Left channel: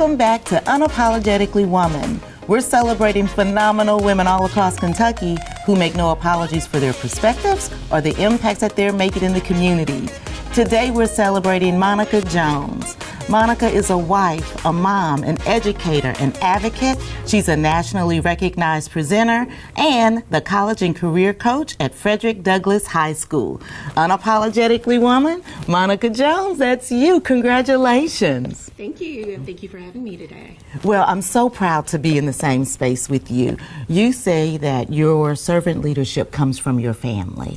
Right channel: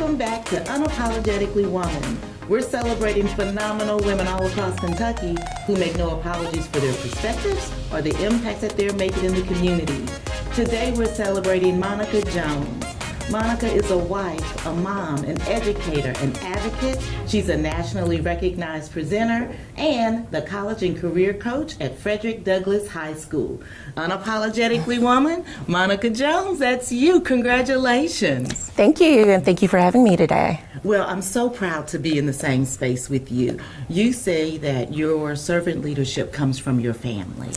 Welcome back to Unapologetically Woman. We're celebrating phenomenal women all across Kentucky who make no apologies for their perspectives or the impact that they're making in the community. Today we're celebrating Monica Jones. Monica is a wife, a mom, an educator, an advocate. She's a nationally recognized presenter and the college and career coach at Frederick Douglass High School. Unapologetically Woman, Monica Jones, that's you. Congratulations. Thank you, and thank you for having me today. Well, I'm so proud to be in the same space with you. You say that your servant leadership comes from your family.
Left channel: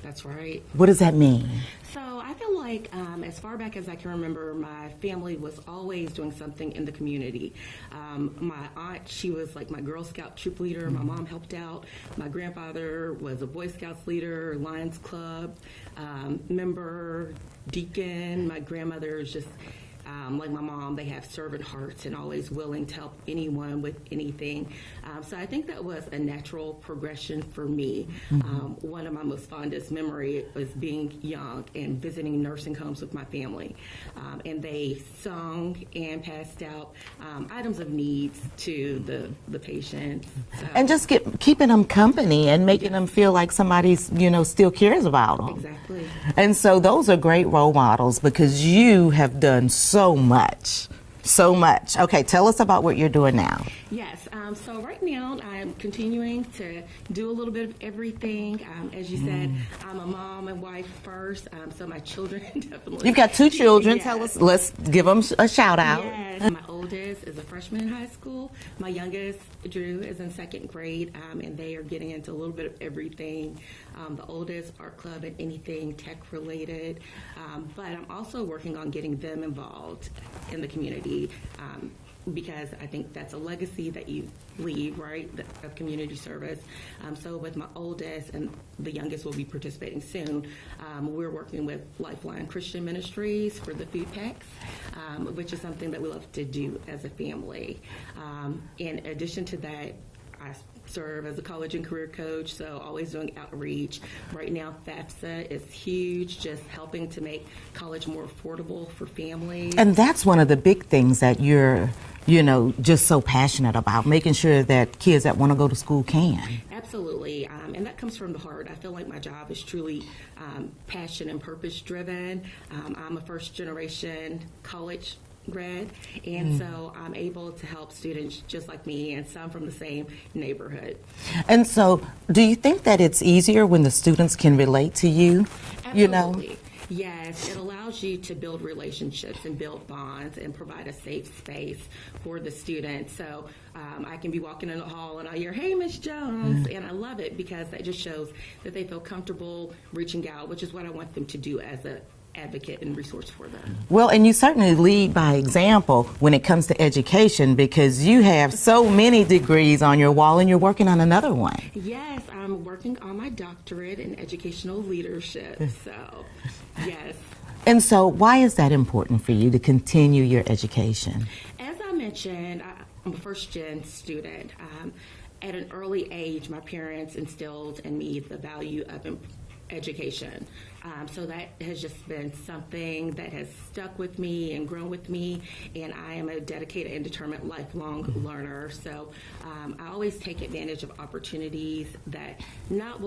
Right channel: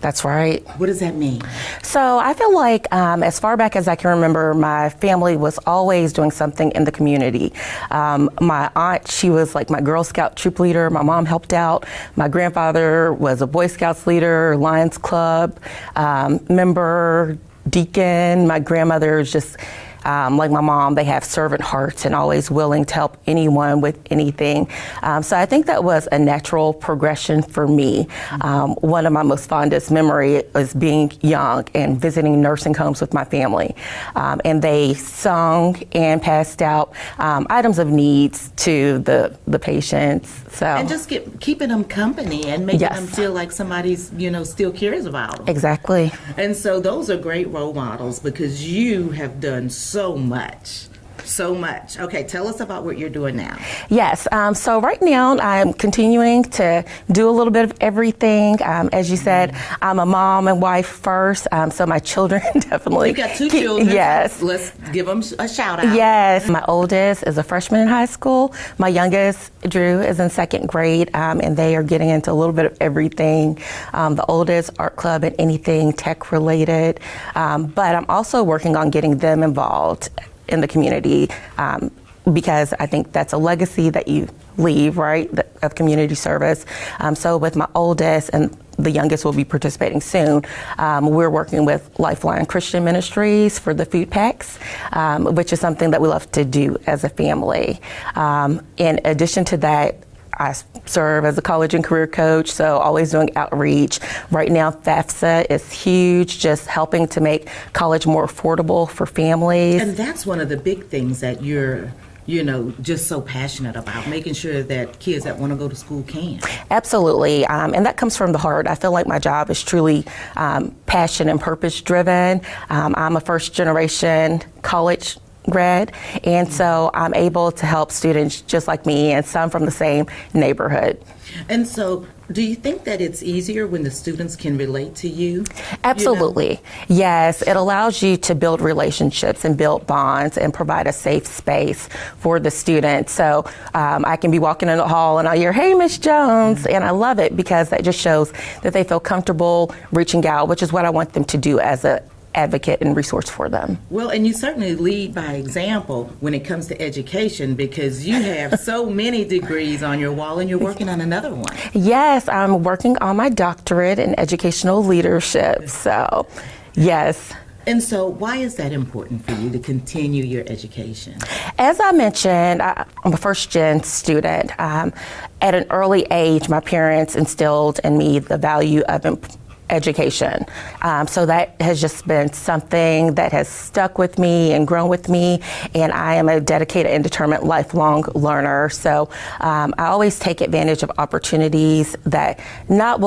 That's right. What does that mean? So I feel like as far back as I can remember, my family was always doing something in the community. My aunt, she was like my Girl Scout troop leader. My mom helped out. My grandfather was a Boy Scouts leader, Lions Club member, deacon. My grandmother is just like my mom, they have servant hearts and always willing to help anyone with anything. So I think that was a natural progression for me. One of my most fondest memories was being young and visiting nursing homes with my family. And they sung and passed out items of needs to the patients. So And just keeping them company and making them feel like somebody's, still cares about them. Exactly. And so those are great role models because you have done so much. So much. Okay, tell us about what you're doing now. Yes, so right now I'm continuing to do a little bit of everything. As you said, I'm a mom and wife first, so my children definitely. You've got two children. Yes. So let's give them a shout out. Yes, my oldest is a freshman in high school. My youngest, Drew, is in second grade, and they are getting into a little bit of everything. The oldest, art club and anything tech related, but I'm also working on getting them involved in the community because I think that's a legacy that you leave, right, of community service. So with my oldest and the youngest will be participating soon, we're working with Lifeline Christian Ministries for the food packs, which is something that we love to do as a family. In addition to that, I serve as a college and career coach, so always doing outreach. Right now, FAFSA is huge, just helping to make college more affordable for families. And that's one of the big things that you're just so passionate about, making sure that kids that want to go to school can. Absolutely, and that comes from the heart. I feel like my job is truly passion and purpose driven. I'm a first generation college grad, and so I'm able to help students just like me and some from the same neighborhood. And so do you think that it's easier when the students can relate to you? Absolutely. Yes, it allows you to build relationships and build bonds and provide a safe space for the students. So I can be walking in the hall and I hear, "Hey, Miss Jones," and I love it because that just shows that they feel comfortable reaching out, which is what I want them to do as a advocate and resource for them. Well, and you certainly lead by example when it comes to education because you have so many degrees on your wall and you're working on another one. Yes, I'm working on my doctorate in educational leadership, so yes. And so why is that important for you to continue your education? As I mentioned, I'm a first-gen student. At an early age, my parents instilled in me the value of education. So that has just been something that has stuck with me and grown with me, and I am a dedicated and determined lifelong learner. So I always take advantage of opportunities that not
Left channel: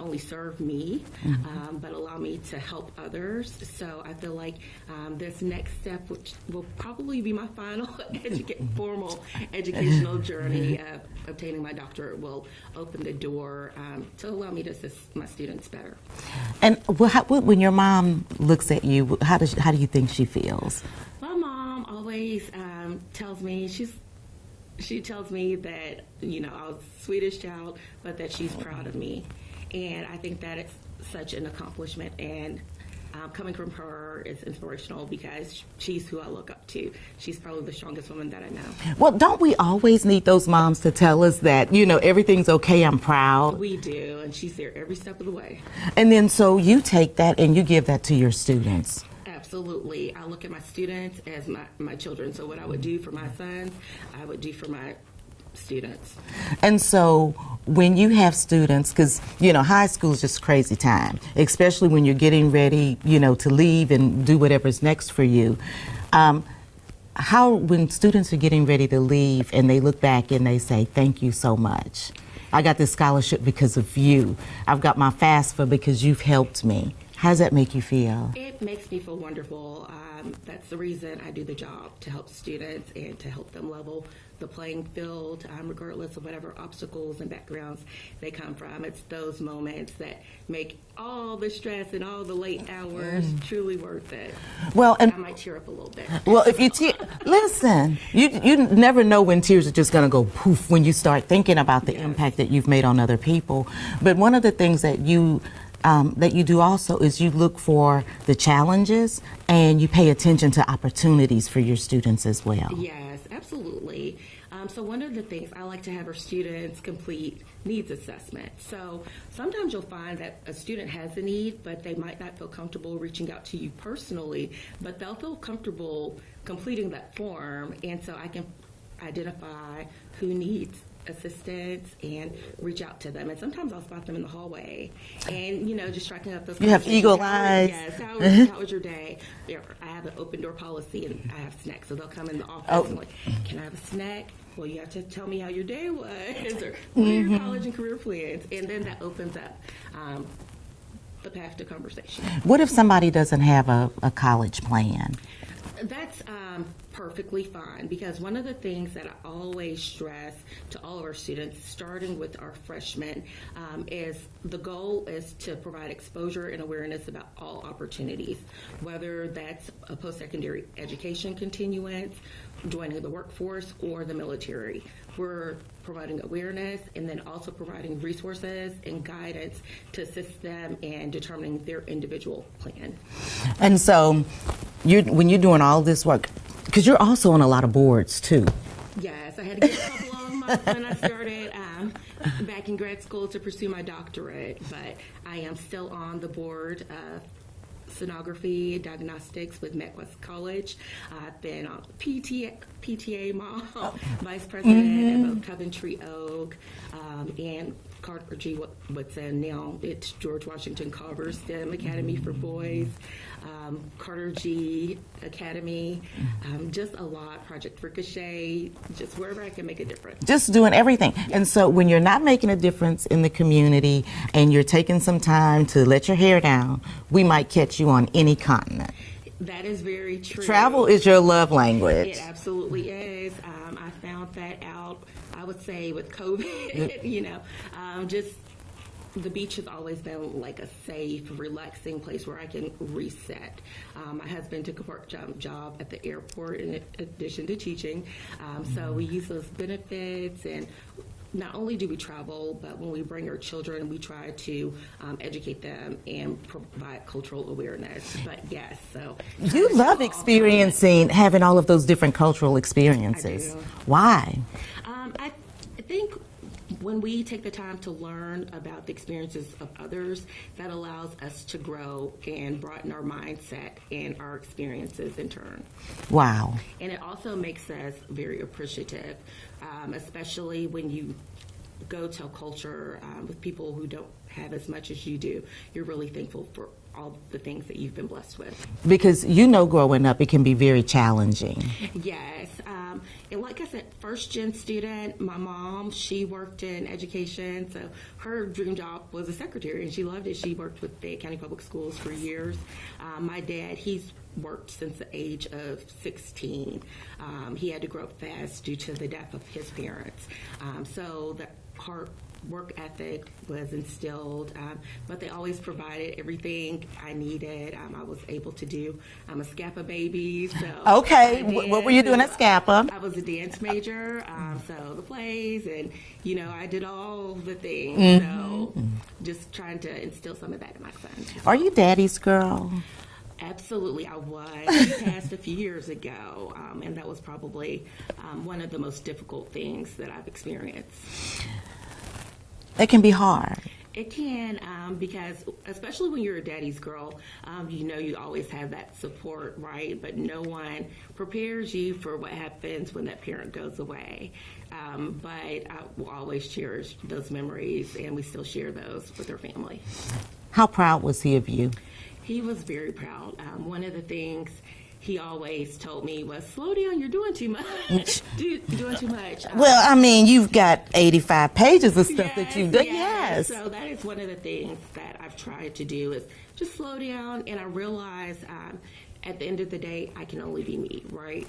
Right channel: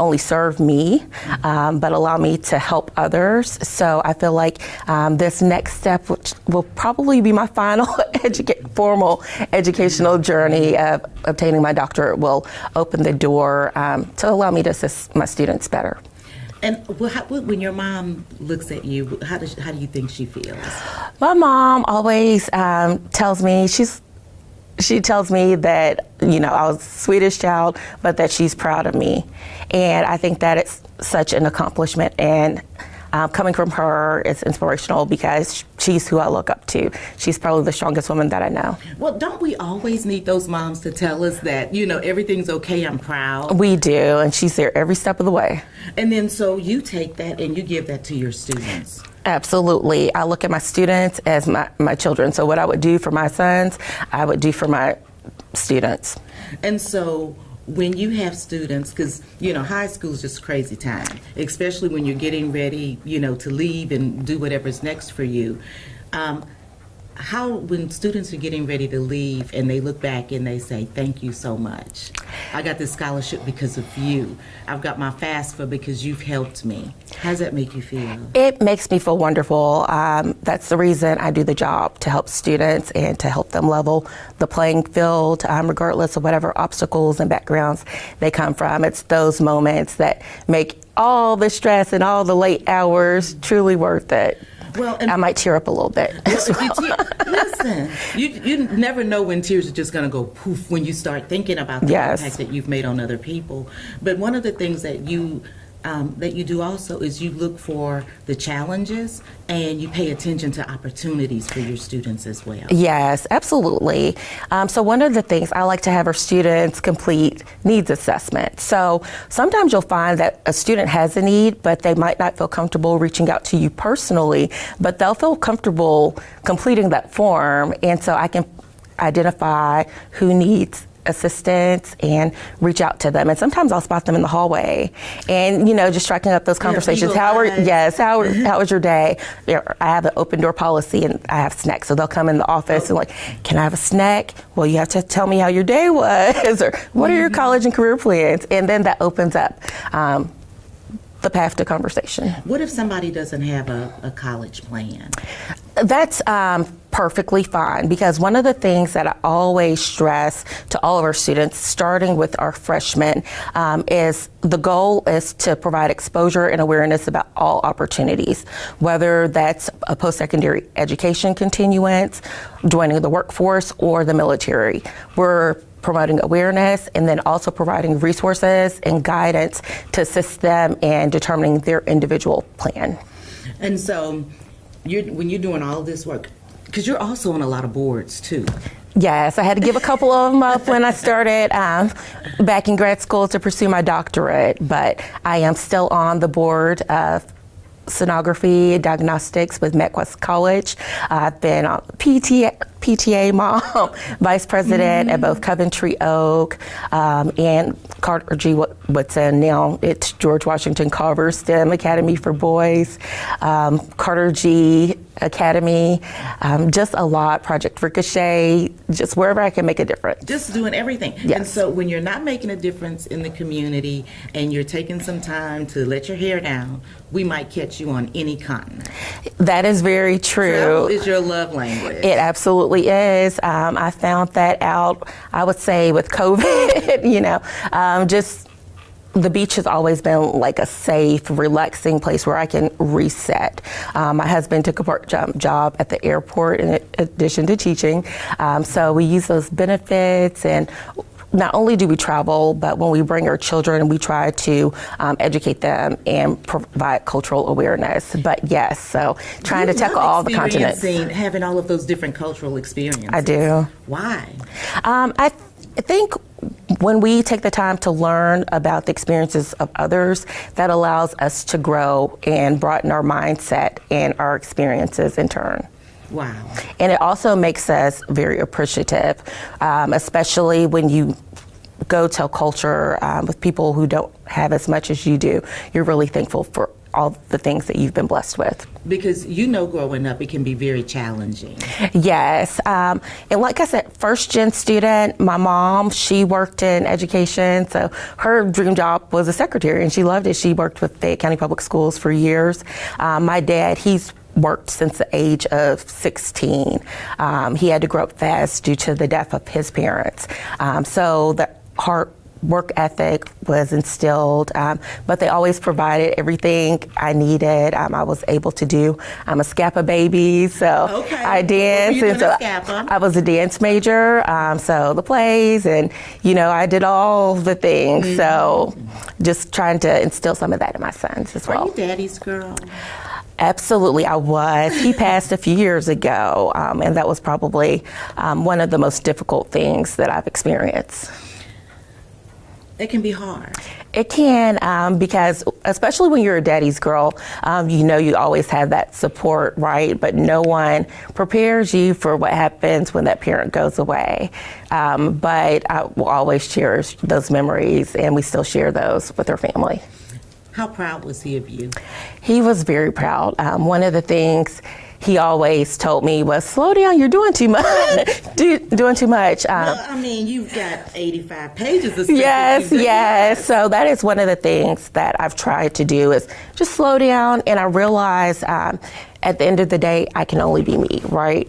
only serve me, but allow me to help others. So I feel like this next step, which will probably be my final formal educational journey of obtaining my doctorate, will open the door to allow me to assist my students better. And when your mom looks at you, how do you think she feels? My mom always tells me she tells me that, I was a Swedish child, but that she's proud of me. And I think that it's such an accomplishment. And coming from her, it's inspirational because she's who I look up to. She's probably the strongest woman that I know. Well, don't we always need those moms to tell us that, everything's okay, I'm proud? We do, and she's there every step of the way. And then so you take that and you give that to your students. Absolutely. I look at my students as my children. So what I would do for my sons, I would do for my students. And so when you have students, because, high school is just a crazy time, especially when you're getting ready, to leave and do whatever's next for you. how, when students are getting ready to leave and they look back and they say, thank you so much. I got this scholarship because of you. I've got my FAFSA because you've helped me. How does that make you feel? It makes me feel wonderful. That's the reason I do the job, to help students and to help them level the playing field, regardless of whatever obstacles and backgrounds they come from. It's those moments that make all the stress and all the late hours truly worth it. Well, and I might tear up a little bit. well, if you listen, you never know when tears are just going to go poof when you start thinking about the Yes. impact that you've made on other people. But one of the things that you do also is you look for the challenges and you pay attention to opportunities for your students as well. Yes, absolutely. So one of the things I like to have our students complete needs assessment. So sometimes you'll find that a student has a need, but they might not feel comfortable reaching out to you personally, but they'll feel comfortable completing that form. And so I can identify who needs assistance and reach out to them. And sometimes I'll spot them in the hallway and, just striking up those conversations. How was your day? I have an open door policy and I have snacks. So they'll come in the office and like, can I have a snack? Well, you have to tell me how your day was or what are your college and career plans? And then that opens up the path to conversation. What if somebody doesn't have a college plan? That's perfectly fine, because one of the things that I always stress to all of our students, starting with our freshmen, is the goal is to provide exposure and awareness about all opportunities, whether that's a post-secondary education continuance, joining the workforce, or the military. We're promoting awareness and then also providing resources and guidance to assist them in determining their individual plan. And so, when you're doing all this work, because you're also on a lot of boards too. Yes, I had to give a couple of them up when I started back in grad school to pursue my doctorate, but I am still on the board of sonography diagnostics with MetWest College. I've been on PTA mom, vice president at both Coventry Oak and Carter G. Woodson. Now it's George Washington Carver STEM Academy for Boys, Carter G. Academy, just a lot, Project Ricochet, just wherever I can make a difference. Just doing everything. Yes. And so when you're not making a difference in the community and you're taking some time to let your hair down, we might catch you on any continent. That is very true. Travel is your love language. It absolutely is. I found that out, I would say, with COVID, just the beach has always been like a safe, relaxing place where I can reset. My husband took a part-time job at the airport in addition to teaching, so we use those benefits, and not only do we travel, but when we bring our children, we try to educate them and provide cultural awareness. But yes, so trying to tackle all the continents. Having all of those different cultural experiences. I do. Why? I think when we take the time to learn about the experiences of others, that allows us to grow and broaden our mindset and our experiences in turn. Wow. And it also makes us very appreciative, especially when you go to a culture with people who don't have as much as you do. You're really thankful for all the things that you've been blessed with. Because growing up, it can be very challenging. Yes, and like I said, first-gen student, my mom, she worked in education, so her dream job was a secretary, and she loved it. She worked with Fayette County Public Schools for years. My dad, he's worked since the age of 16. He had to grow up fast due to the death of his parents. So the hard work ethic was instilled, but they always provided everything I needed. I was able to do. I'm a Scapa baby, so okay. I danced. What were you doing at Scapa? I was a dance major, so the plays, and I did all the things. Mm-hmm. So just trying to instill some of that in my sons as well. Are you daddy's girl? Absolutely, I was. He passed a few years ago, and that was probably one of the most difficult things that I've experienced. It can be hard. It can, because especially when you're a daddy's girl, you always have that support, right? But no one prepares you for what happens when that parent goes away. But I will always cherish those memories, and we still share those with our family. How proud was he of you? He was very proud. One of the things he always told me was, slow down, you're doing too much. Doing too much. Well, I mean, you've got 85 pages of stuff that Yes, you've done. yes. So that is one of the things that I've tried to do is just slow down. And I realize at the end of the day, I can only be me, right?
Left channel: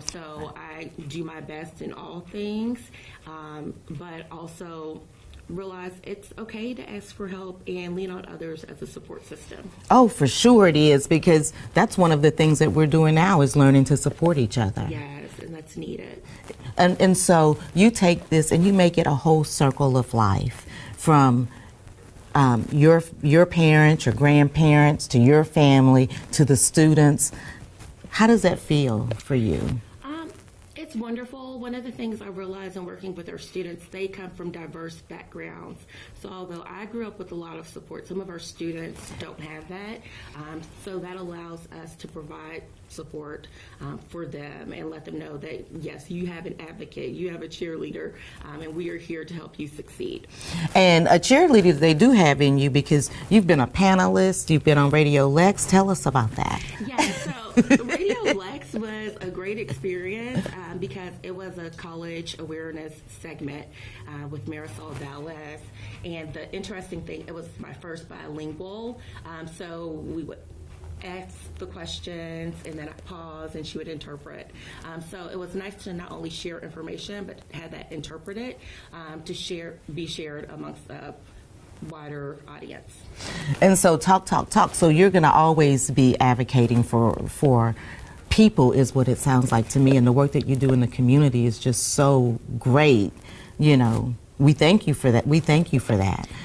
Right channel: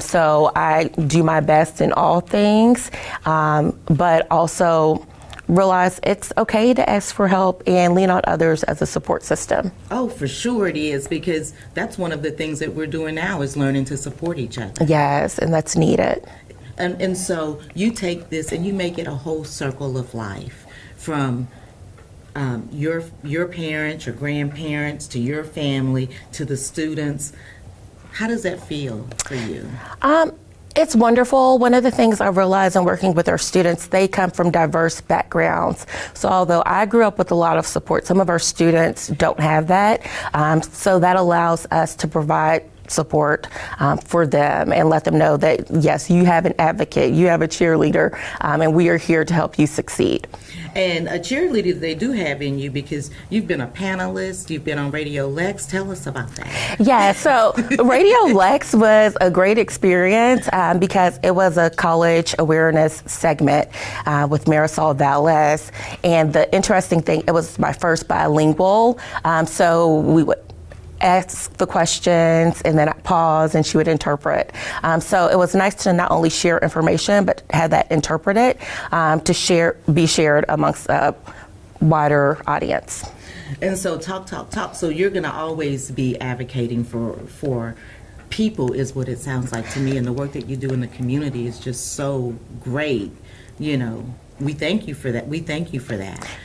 So I do my best in all things, but also realize it's okay to ask for help and lean on others as a support system. Oh, for sure it is, because that's one of the things that we're doing now is learning to support each other. Yes, and that's needed. And so you take this and you make it a whole circle of life, from your parents, your grandparents, to your family, to the students. How does that feel for you? It's wonderful. One of the things I realize in working with our students, they come from diverse backgrounds. So although I grew up with a lot of support, some of our students don't have that. So that allows us to provide support for them and let them know that, yes, you have an advocate, you have a cheerleader, and we are here to help you succeed. And a cheerleader they do have in you, because you've been a panelist, you've been on Radio Lex. Tell us about that. Yeah, so Radio Lex was a great experience because it was a college awareness segment with Marisol Valles. And the interesting thing, it was my first bilingual. So we would ask the questions and then I'd pause and she would interpret. So it was nice to not only share information but have that interpreted to be shared amongst a wider audience. And so talk. So you're going to always be advocating for people, is what it sounds like to me. And the work that you do in the community is just so great. You know, we thank you for that.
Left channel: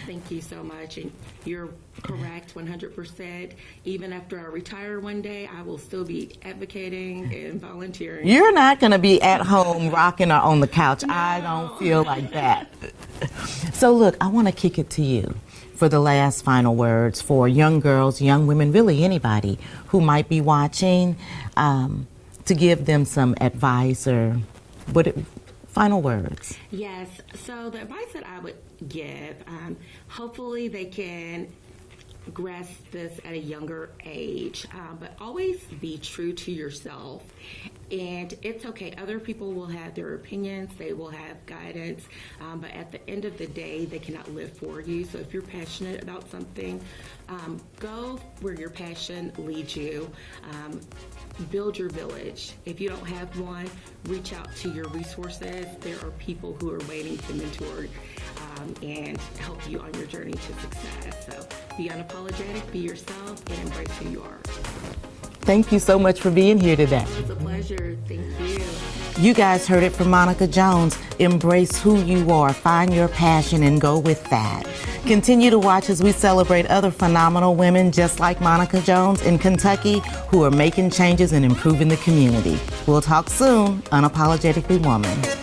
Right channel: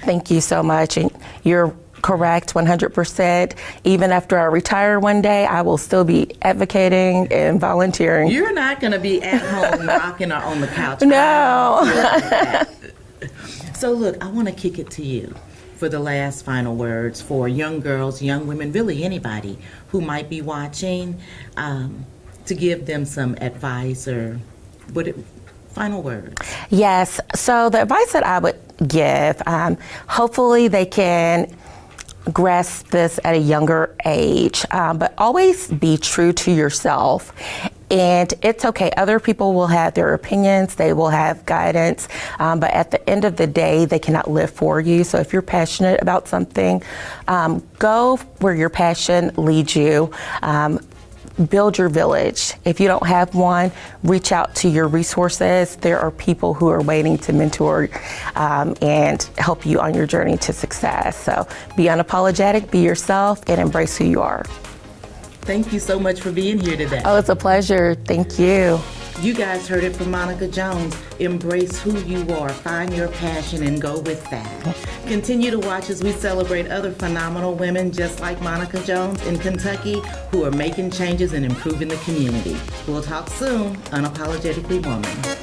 Thank you so much. And you're correct, 100%. Even after I retire one day, I will still be advocating and volunteering. You're not going to be at home rocking or on the couch. No. I don't feel like that. So look, I want to kick it to you for the last final words for young girls, young women, really anybody who might be watching, to give them some advice or final words. Yes. So the advice that I would give, hopefully they can grasp this at a younger age, but always be true to yourself. And it's okay, other people will have their opinions, they will have guidance, but at the end of the day, they cannot live for you. So if you're passionate about something, go where your passion leads you. Build your village. If you don't have one, reach out to your resources. There are people who are waiting to mentor and help you on your journey to success. So be unapologetic, be yourself, and embrace who you are. Thank you so much for being here today. Oh, it's a pleasure. Thank you. You guys heard it from Monica Jones. Embrace who you are, find your passion, and go with that. Continue to watch as we celebrate other phenomenal women just like Monica Jones in Kentucky who are making changes and improving the community. We'll talk soon. Unapologetically Woman.